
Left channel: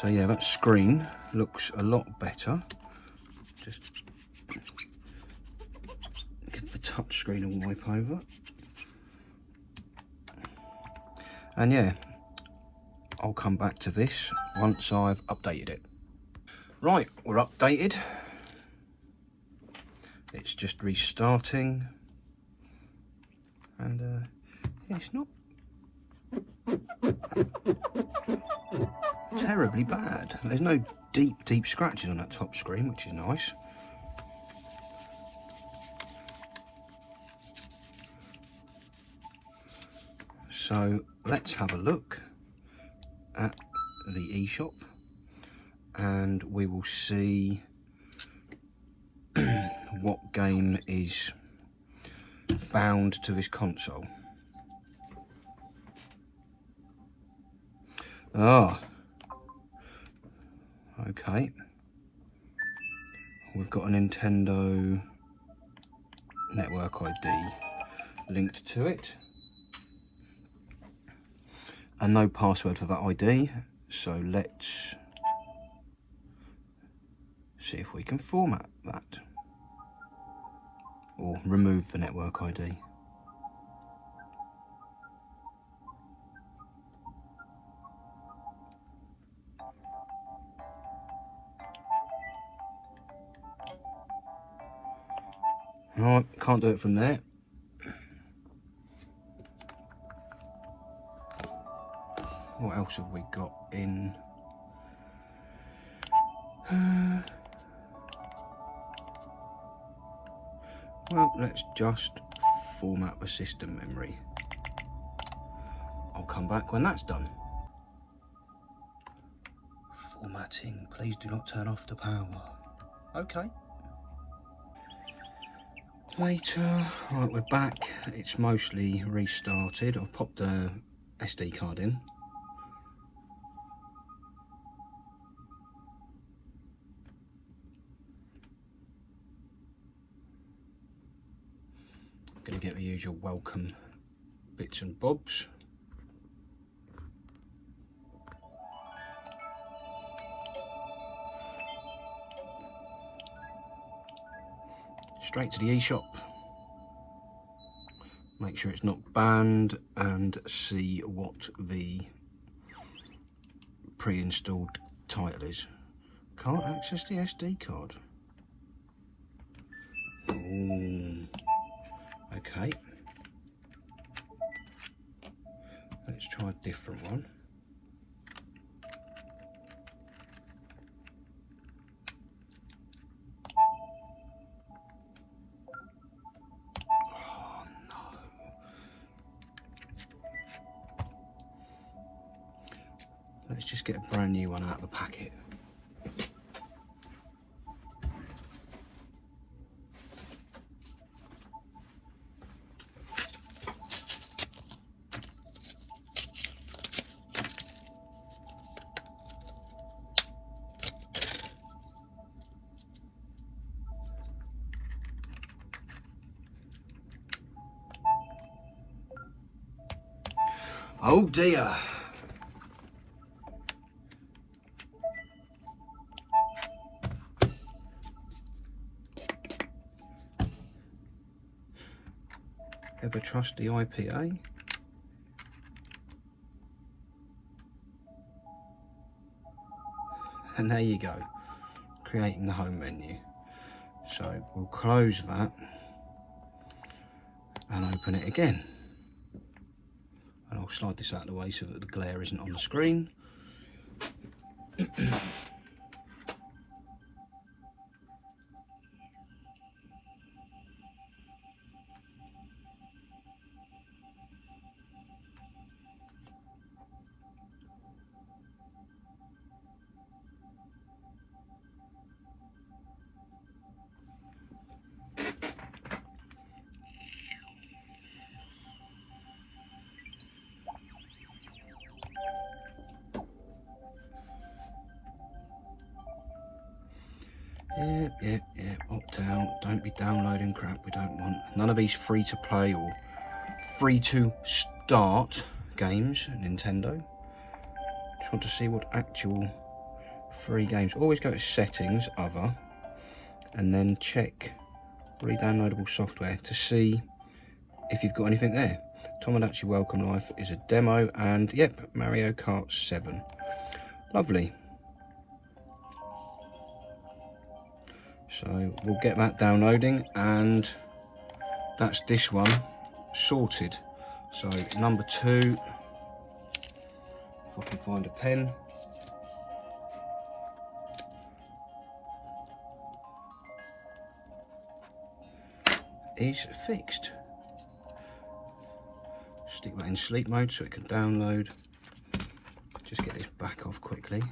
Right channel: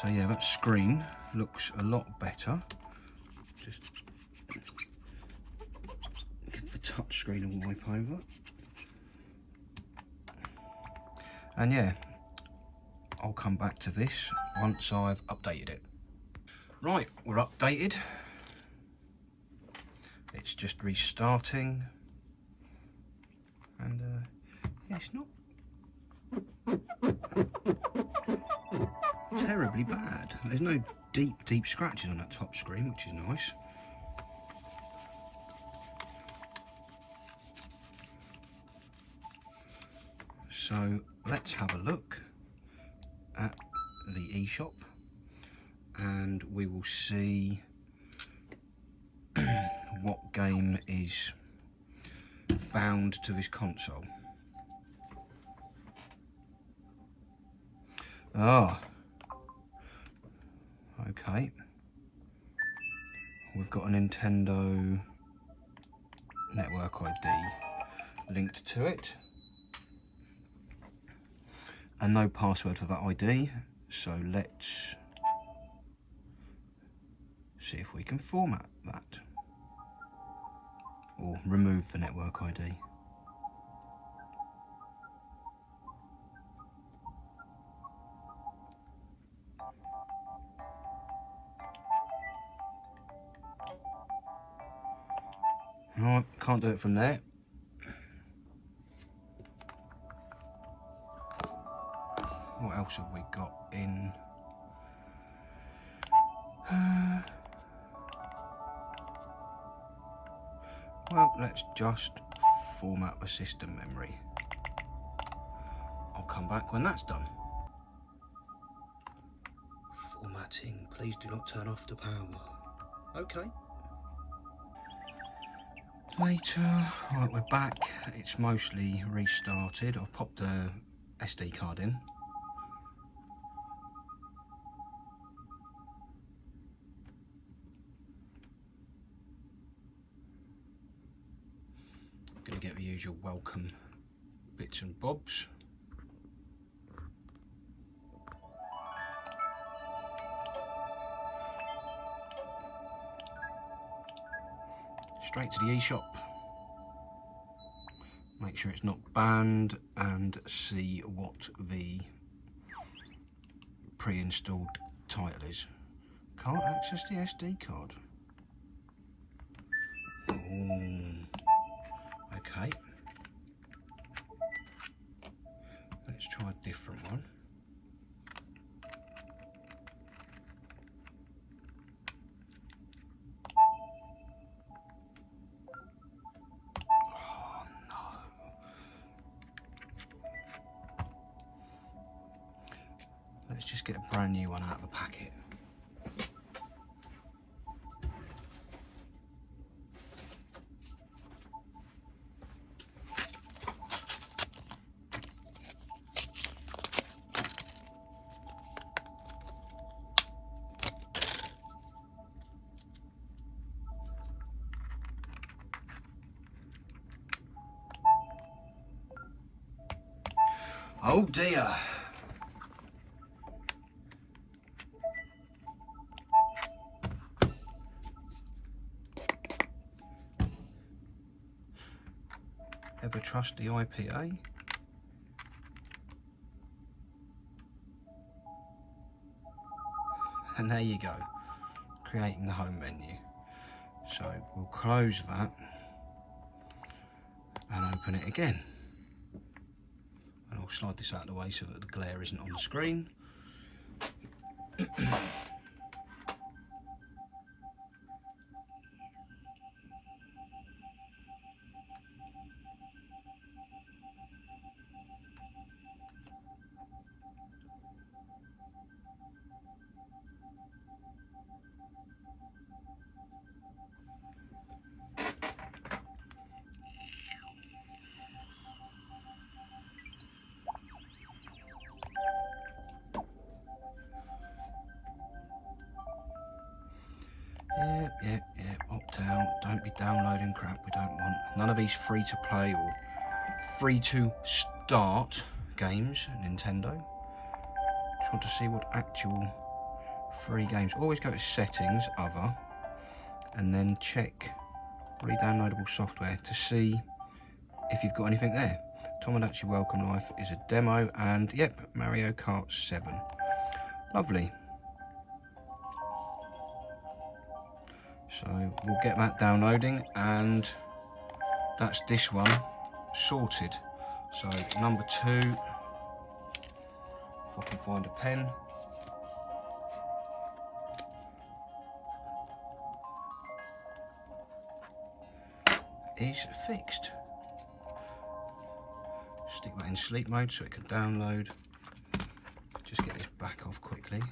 So yeah, that screen looks a lot better. Just give the touch screen a wipe over. And yeah, I'll come back to this once I've updated it. Right, we're updated. It's just restarting. And yeah, it's not terribly bad. There's no deep scratches on that top screen, which is nice. So let's have a look at the eShop and we will see what game is bound to this console. Ah, okay. We've got a Nintendo network ID linked to it. And no password for that ID, so let's see if we can format that or remove the network ID. Right, can't do it from there. What else have we got in? Well, let's just format the system memory. I'll come back when that's done. Formatting, please do not turn off the power. Okay. Later, right, we're back. It's mostly restarted. I've popped the SD card in. Gonna get the usual welcome bits and bobs. Straight to the eShop. Make sure it's not banned and see what the pre-installed title is. Can't access the SD card. Ooh. Okay. Let's try a different one. Oh no. Let's just get a brand new one out of the packet. Oh dear. Ever trust the IPA? And there you go, creating the home menu. So we'll close that and open it again. And I'll slide this out of the way so that the glare isn't on the screen. Yep, opt out. Don't be downloading crap we don't want. None of these free to play or free to start games, Nintendo. Just want to see what actual free games. Always go to settings, other, and then check re-downloadable software to see if you've got anything there. Tomodachi Welcome Life is a demo, and yep, Mario Kart 7. Lovely. So we'll get that downloading, and that's this one sorted. So number 2, if I can find a pen. Is fixed. Stick that in sleep mode so it can download. Just get this back off quickly.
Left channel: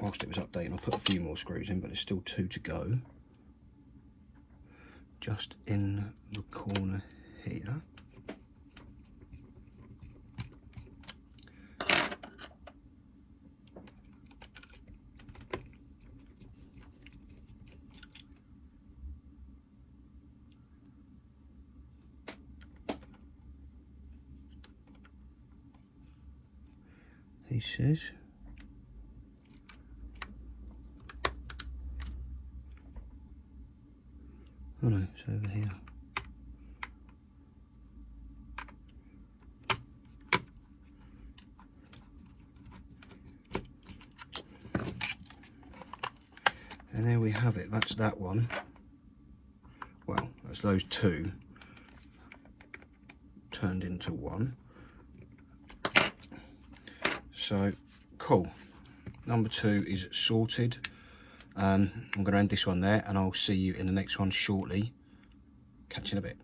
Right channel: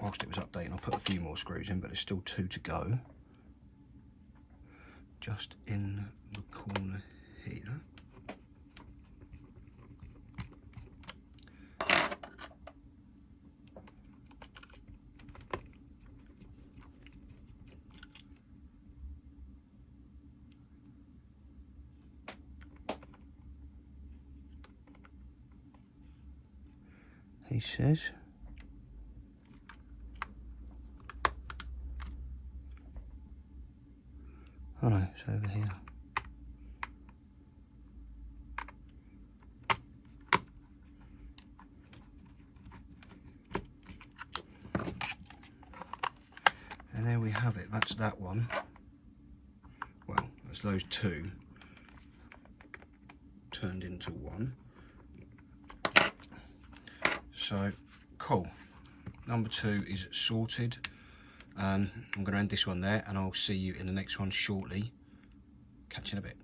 Whilst it was updating, I'll put a few more screws in, but there's still 2 to go. Just in the corner here. He says. Oh no, it's over here. And there we have it, that's that one. Well, that's those 2 turned into 1. So, cool. Number 2 is sorted. I'm going to end this one there, and I'll see you in the next one shortly. Catch you in a bit.